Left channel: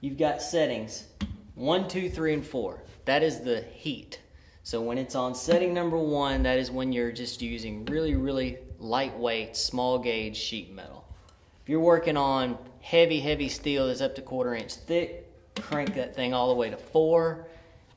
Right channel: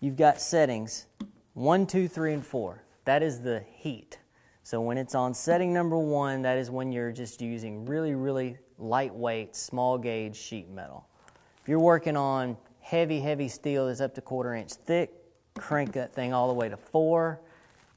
you've got settings 1, 2, 3, and 4. That is the heat. So when it's on setting number 1, that is when you're just using really, really lightweight, small gauge sheet metal. If you're working on heavy, heavy steel that's up to 1/4 inch thick, crank that thing all the way to 4.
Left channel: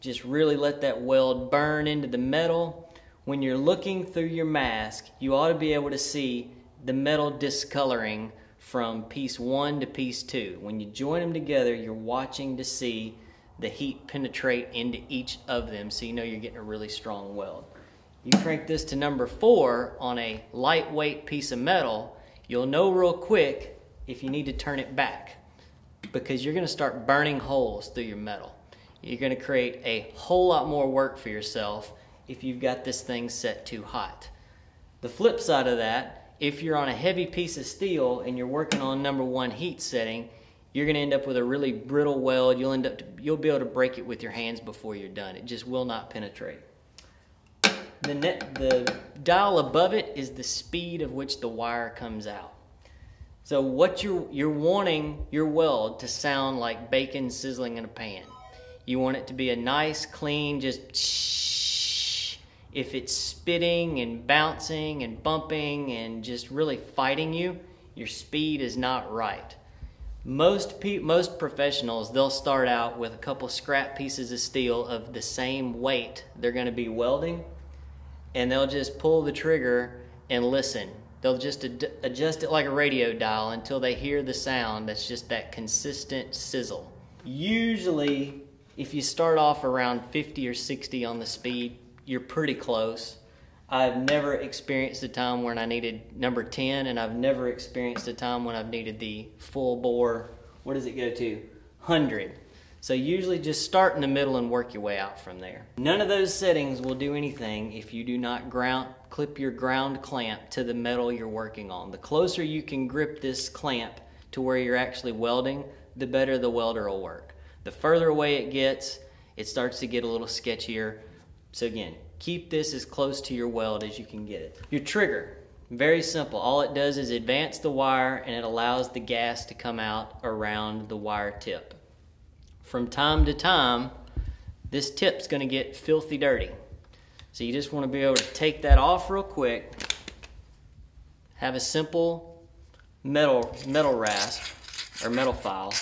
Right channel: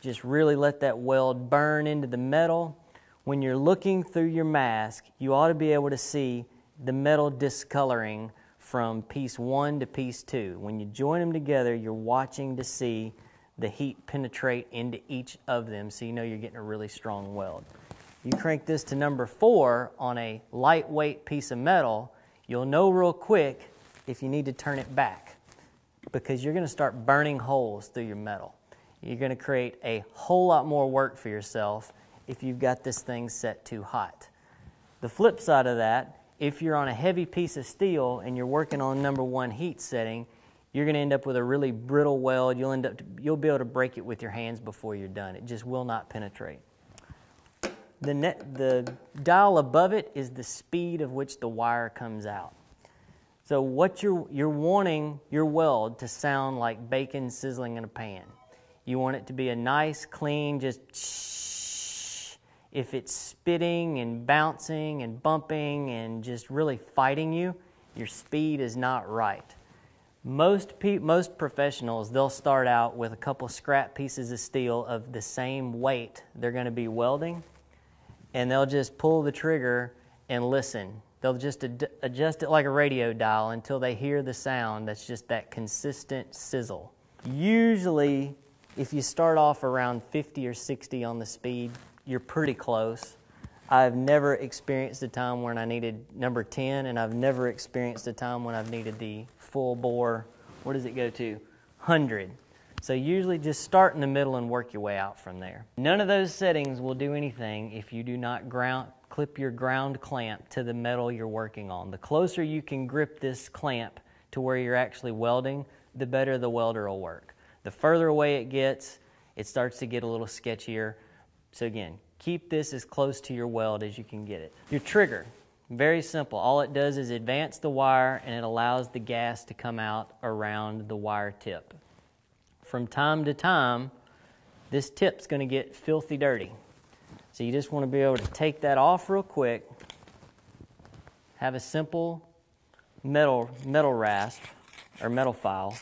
Just really let that weld burn into the metal. When you're looking through your mask, you ought to be able to see the metal discoloring from piece 1 to piece 2. When you join them together, you're watching to see the heat penetrate into each of them, so you know you're getting a really strong weld. You crank this to number 4 on a lightweight piece of metal, you'll know real quick if you need to turn it back, because you're going to start burning holes through your metal. You're going to create a whole lot more work for yourself if you've got this thing set too hot. The flip side of that, if you're on a heavy piece of steel and you're working on number 1 heat setting, you're going to end up with a really brittle weld. You'll be able to break it with your hands before you're done. It just will not penetrate. The dial above it is the speed of which the wire comes out. So what you're wanting your weld to sound like bacon sizzling in a pan. You want it to be a nice, clean, just shh. If it's spitting and bouncing and bumping and just really fighting you, your speed is not right. Most professionals, they'll start out with a couple scrap pieces of steel of the same weight they're going to be welding, and they'll just pull the trigger and listen. They'll just adjust it like a radio dial until they hear the sound that's just that consistent sizzle. Usually, if you start off around 50 or 60 on the speed, you're pretty close. I've never experienced a time when I needed number 10, and I've never experienced a time when I've needed the full bore, what does it go to? 100. So usually just start in the middle and work your way out from there. None of those settings will do anything if you do not clip your ground clamp to the metal you're working on. The closer you can grip this clamp to where you're actually welding, the better the welder will work. The further away it gets, it starts to get a little sketchier. So again, keep this as close to your weld as you can get it. Your trigger, very simple. All it does is advance the wire, and it allows the gas to come out around the wire tip. From time to time, this tip's going to get filthy dirty. So you just want to be able to take that off real quick, have a simple metal rasp or metal file,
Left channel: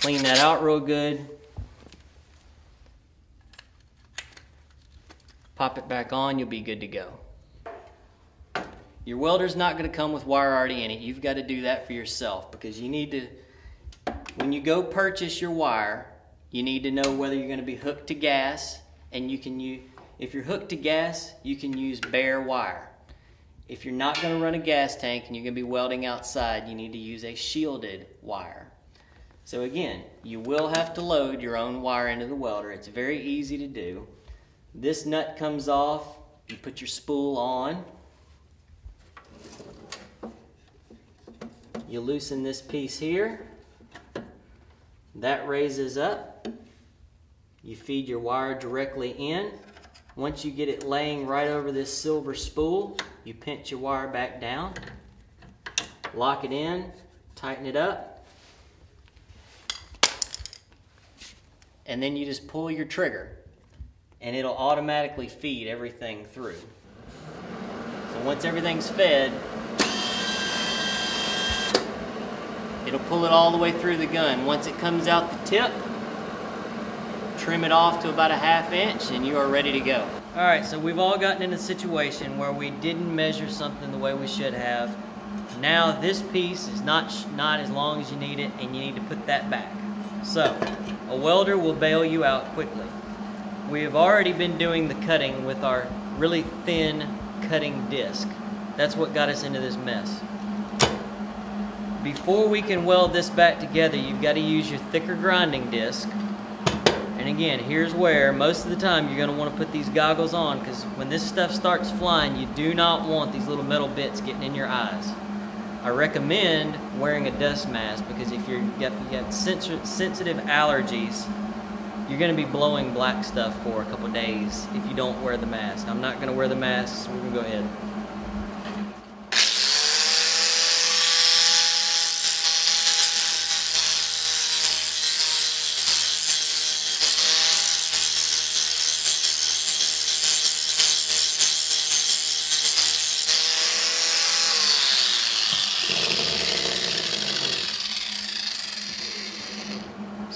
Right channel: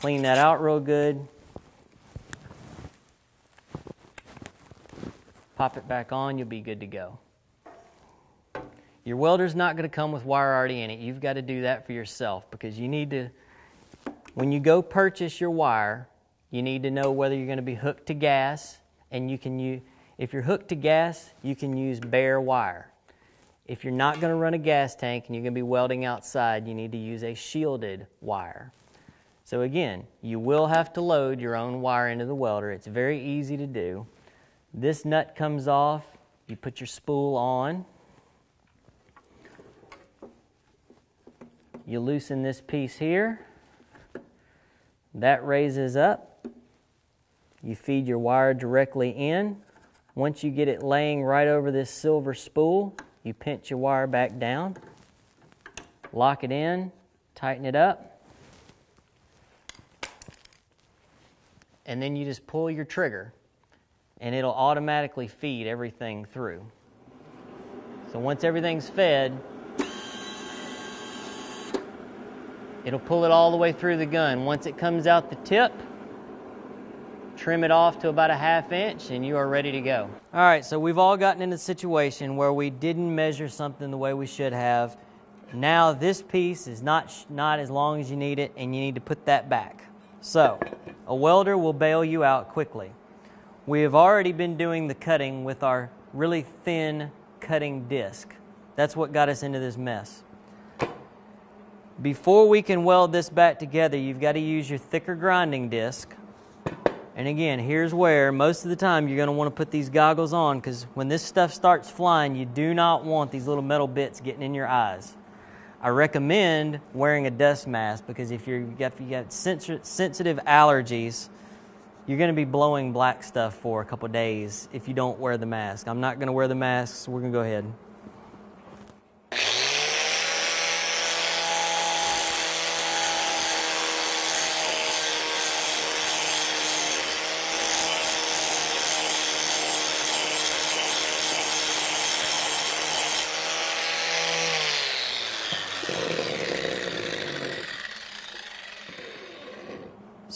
clean that out real good, pop it back on, you'll be good to go. Your welder's not going to come with wire already in it. You've got to do that for yourself, because you need to, when you go purchase your wire, you need to know whether you're going to be hooked to gas, and you can use, if you're hooked to gas, you can use bare wire. If you're not going to run a gas tank and you're going to be welding outside, you need to use a shielded wire. So again, you will have to load your own wire into the welder. It's very easy to do. This nut comes off, you put your spool on, you loosen this piece here, that raises up, you feed your wire directly in. Once you get it laying right over this silver spool, you pinch your wire back down, lock it in, tighten it up, and then you just pull your trigger, and it'll automatically feed everything through. So once everything's fed, it'll pull it all the way through the gun. Once it comes out the tip, trim it off to about a 1/2 inch, and you are ready to go. All right, so we've all gotten in a situation where we didn't measure something the way we should have. Now this piece is not as long as you need it, and you need to put that back. So a welder will bail you out quickly. We have already been doing the cutting with our really thin cutting disc. That's what got us into this mess. Before we can weld this back together, you've got to use your thicker grinding disc. And again, here's where most of the time you're going to want to put these goggles on, because when this stuff starts flying, you do not want these little metal bits getting in your eyes. I recommend wearing a dust mask, because if you've got sensitive allergies, you're going to be blowing black stuff for a couple days if you don't wear the mask. I'm not going to wear the mask, so we're going to go ahead.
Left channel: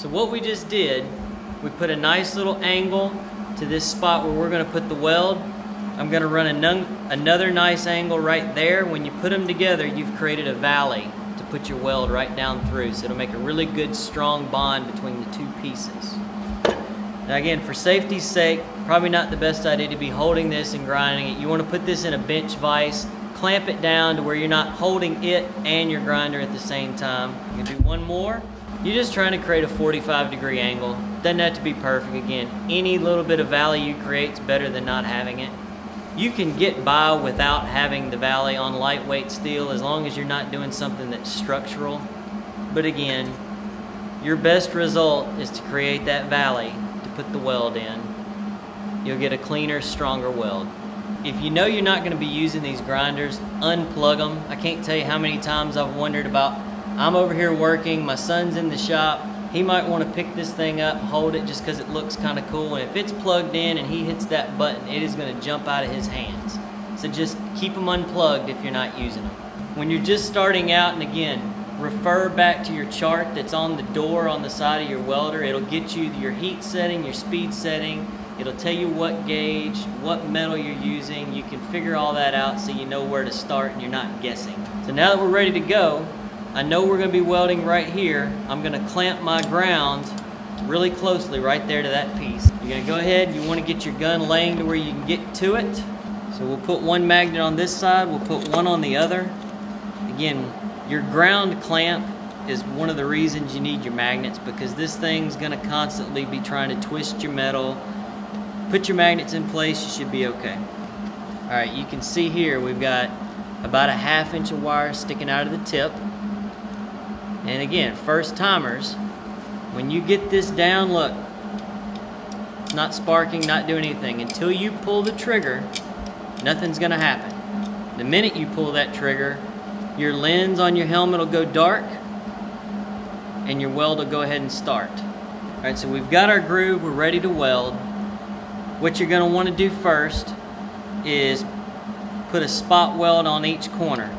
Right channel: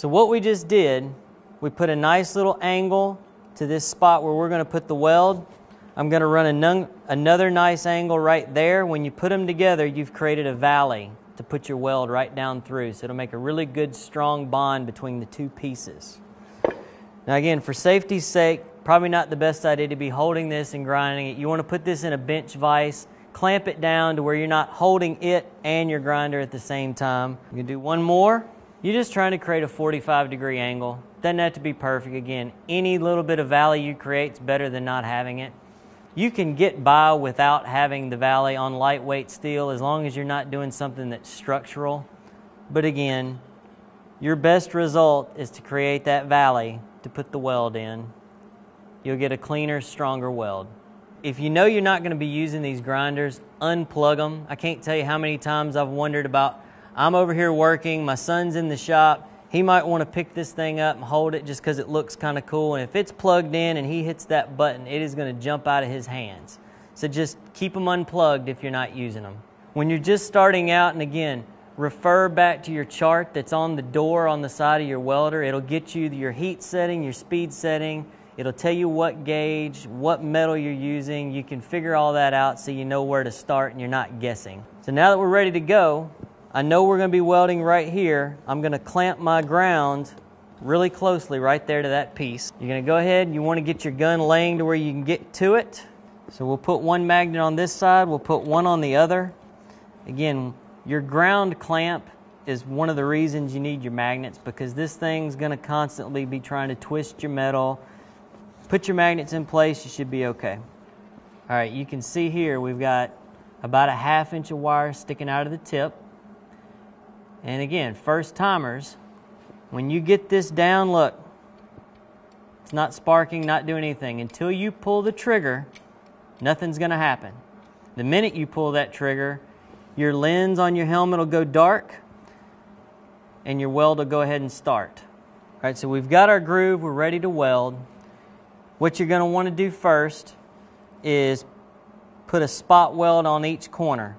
So what we just did, we put a nice little angle to this spot where we're going to put the weld. I'm going to run another nice angle right there. When you put them together, you've created a valley to put your weld right down through. So it'll make a really good strong bond between the two pieces. Now again, for safety's sake, probably not the best idea to be holding this and grinding it. You want to put this in a bench vise, clamp it down to where you're not holding it and your grinder at the same time. You do one more. You're just trying to create a 45-degree angle. Doesn't have to be perfect. Again, any little bit of valley you create is better than not having it. You can get by without having the valley on lightweight steel as long as you're not doing something that's structural. But again, your best result is to create that valley to put the weld in. You'll get a cleaner, stronger weld. If you know you're not going to be using these grinders, unplug them. I can't tell you how many times I've wondered about, I'm over here working, my son's in the shop, he might want to pick this thing up and hold it just because it looks kind of cool, and if it's plugged in and he hits that button, it is going to jump out of his hands. So just keep them unplugged if you're not using them. When you're just starting out, and again, refer back to your chart that's on the door on the side of your welder. It'll get you your heat setting, your speed setting. It'll tell you what gauge, what metal you're using. You can figure all that out so you know where to start and you're not guessing. So now that we're ready to go, I know we're going to be welding right here. I'm going to clamp my ground really closely right there to that piece. You're going to go ahead, you want to get your gun laying to where you can get to it. So we'll put one magnet on this side, we'll put one on the other. Again, your ground clamp is one of the reasons you need your magnets, because this thing's going to constantly be trying to twist your metal. Put your magnets in place, you should be okay. Alright, you can see here we've got about a 1/2 inch of wire sticking out of the tip. And again, first timers, when you get this down, look, it's not sparking, not doing anything. Until you pull the trigger, nothing's going to happen. The minute you pull that trigger, your lens on your helmet will go dark and your weld will go ahead and start. Alright, so we've got our groove, we're ready to weld. What you're going to want to do first is put a spot weld on each corner.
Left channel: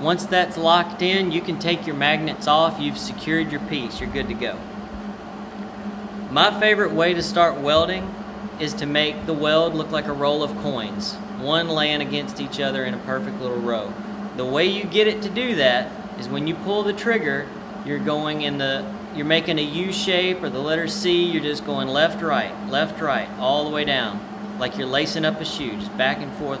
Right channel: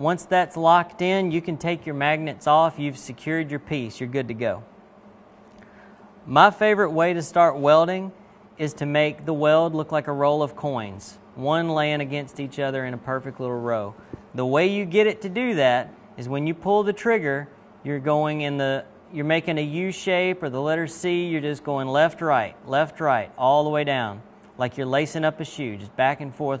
Once that's locked in, you can take your magnets off, you've secured your piece, you're good to go. My favorite way to start welding is to make the weld look like a roll of coins, one laying against each other in a perfect little row. The way you get it to do that is when you pull the trigger, you're making a U shape or the letter C, you're just going left, right, all the way down, like you're lacing up a shoe, just back and forth,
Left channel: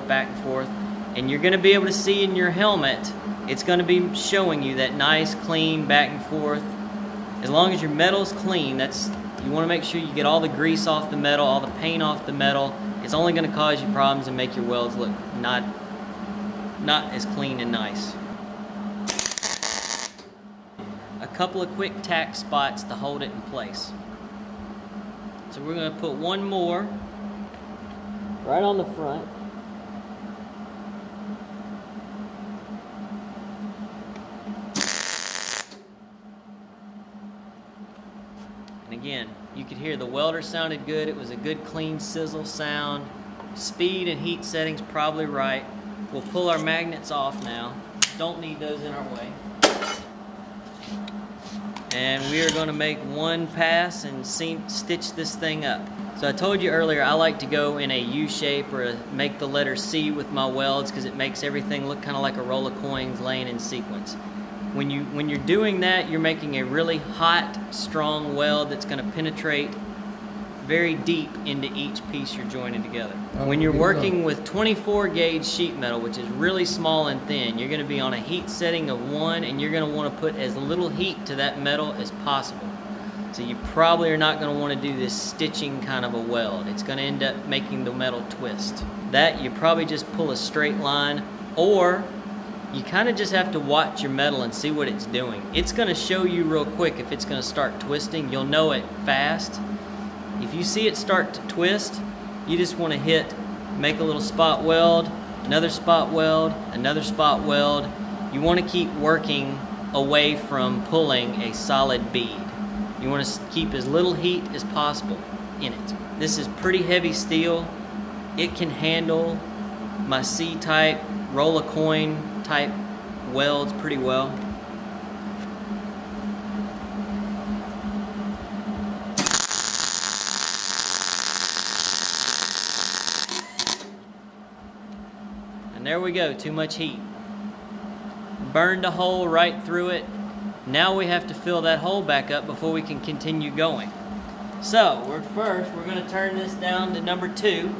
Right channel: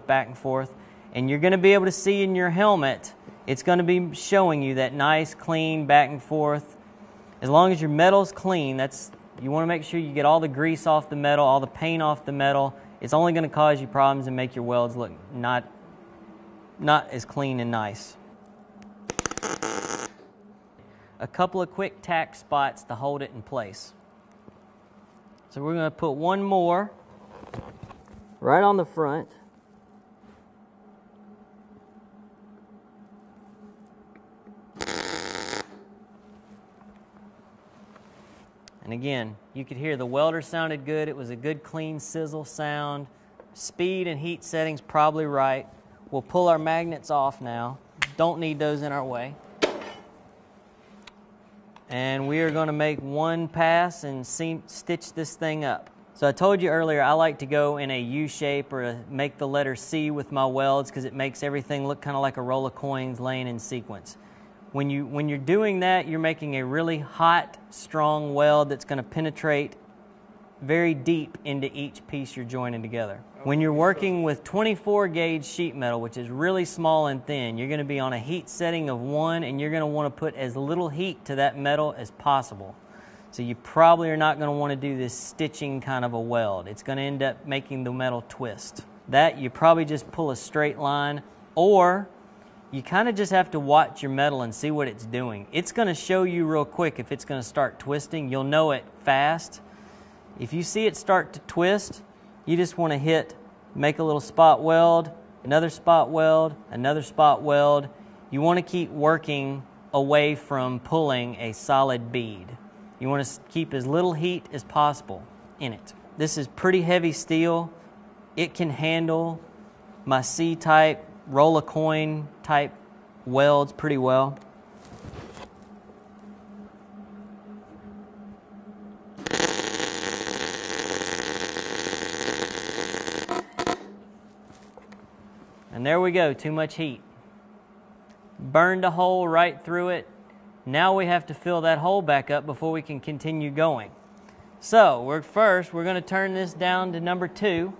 and you're going to be able to see in your helmet, it's going to be showing you that nice, clean, back and forth. As long as your metal's clean, you want to make sure you get all the grease off the metal, all the paint off the metal. It's only going to cause you problems and make your welds look not as clean and nice. A couple of quick tack spots to hold it in place. So we're going to put one more right on the front. And again, you could hear the welder sounded good. It was a good clean sizzle sound. Speed and heat settings probably right. We'll pull our magnets off now. Don't need those in our way. And we are going to make one pass and stitch this thing up. So I told you earlier I like to go in a U shape or make the letter C with my welds because it makes everything look kind of like a roll of coins laying in sequence. When you're doing that, you're making a really hot, strong weld that's going to penetrate very deep into each piece you're joining together. When you're working with 24 gauge sheet metal, which is really small and thin, you're going to be on a heat setting of 1, and you're going to want to put as little heat to that metal as possible. So you probably are not going to want to do this stitching kind of a weld. It's going to end up making the metal twist. That you probably just pull a straight line, or you kind of just have to watch your metal and see what it's doing. It's going to show you real quick if it's going to start twisting. You'll know it fast. If you see it start to twist, you just want to make a little spot weld, another spot weld, another spot weld. You want to keep working away from pulling a solid bead. You want to keep as little heat as possible in it. This is pretty heavy steel. It can handle my C-type, roll a coin type welds pretty well. And there we go, too much heat. Burned a hole right through it. Now we have to fill that hole back up before we can continue going. So, first we're going to turn this down to number 2.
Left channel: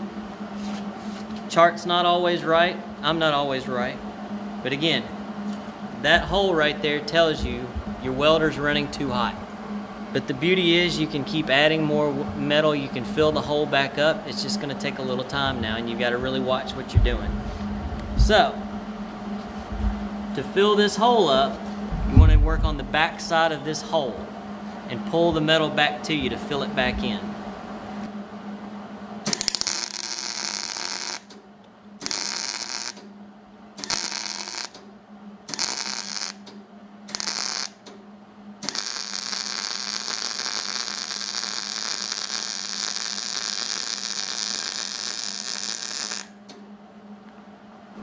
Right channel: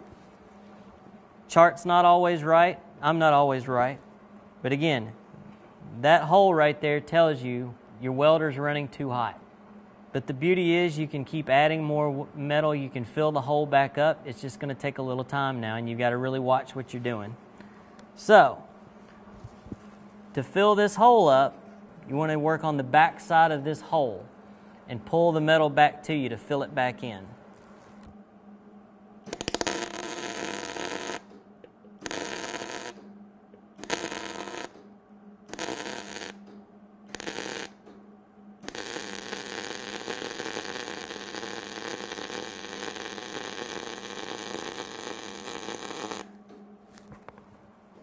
Chart's not always right. I'm not always right. But again, that hole right there tells you your welder's running too hot. But the beauty is you can keep adding more metal, you can fill the hole back up. It's just going to take a little time now, and you've got to really watch what you're doing. So, to fill this hole up, you want to work on the back side of this hole and pull the metal back to you to fill it back in.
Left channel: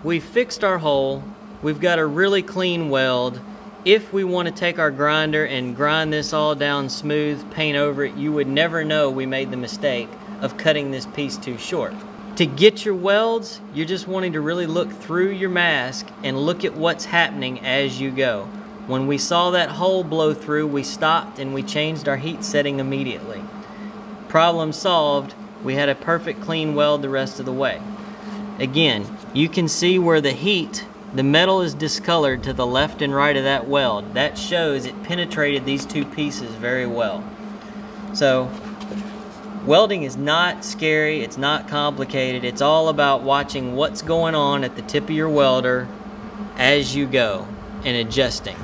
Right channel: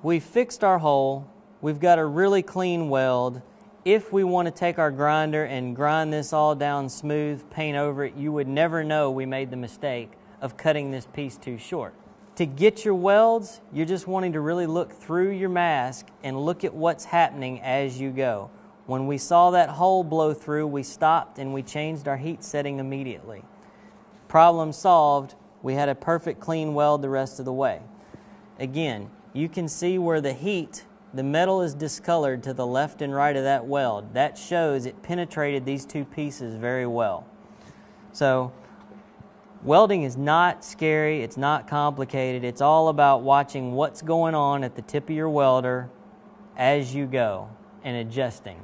We've fixed our hole. We've got a really clean weld. If we want to take our grinder and grind this all down smooth, paint over it, you would never know we made the mistake of cutting this piece too short. To get your welds, you're just wanting to really look through your mask and look at what's happening as you go. When we saw that hole blow through, we stopped and we changed our heat setting immediately. Problem solved. We had a perfect clean weld the rest of the way. Again, you can see where the metal is discolored to the left and right of that weld. That shows it penetrated these two pieces very well. So, welding is not scary, it's not complicated. It's all about watching what's going on at the tip of your welder as you go and adjusting.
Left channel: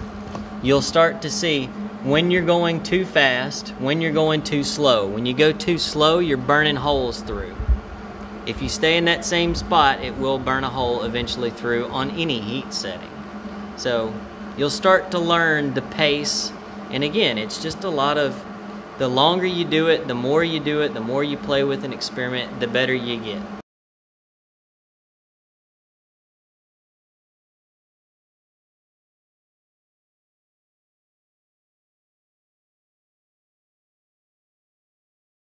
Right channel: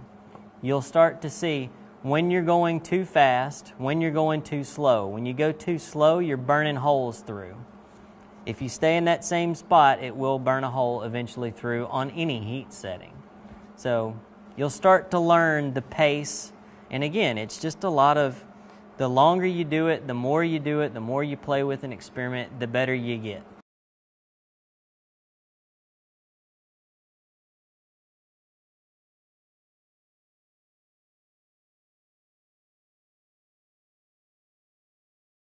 You'll start to see when you're going too fast, when you're going too slow. When you go too slow, you're burning holes through. If you stay in that same spot, it will burn a hole eventually through on any heat setting. So you'll start to learn the pace, and again, it's just a lot of, the longer you do it, the more you do it, the more you play with and experiment, the better you get.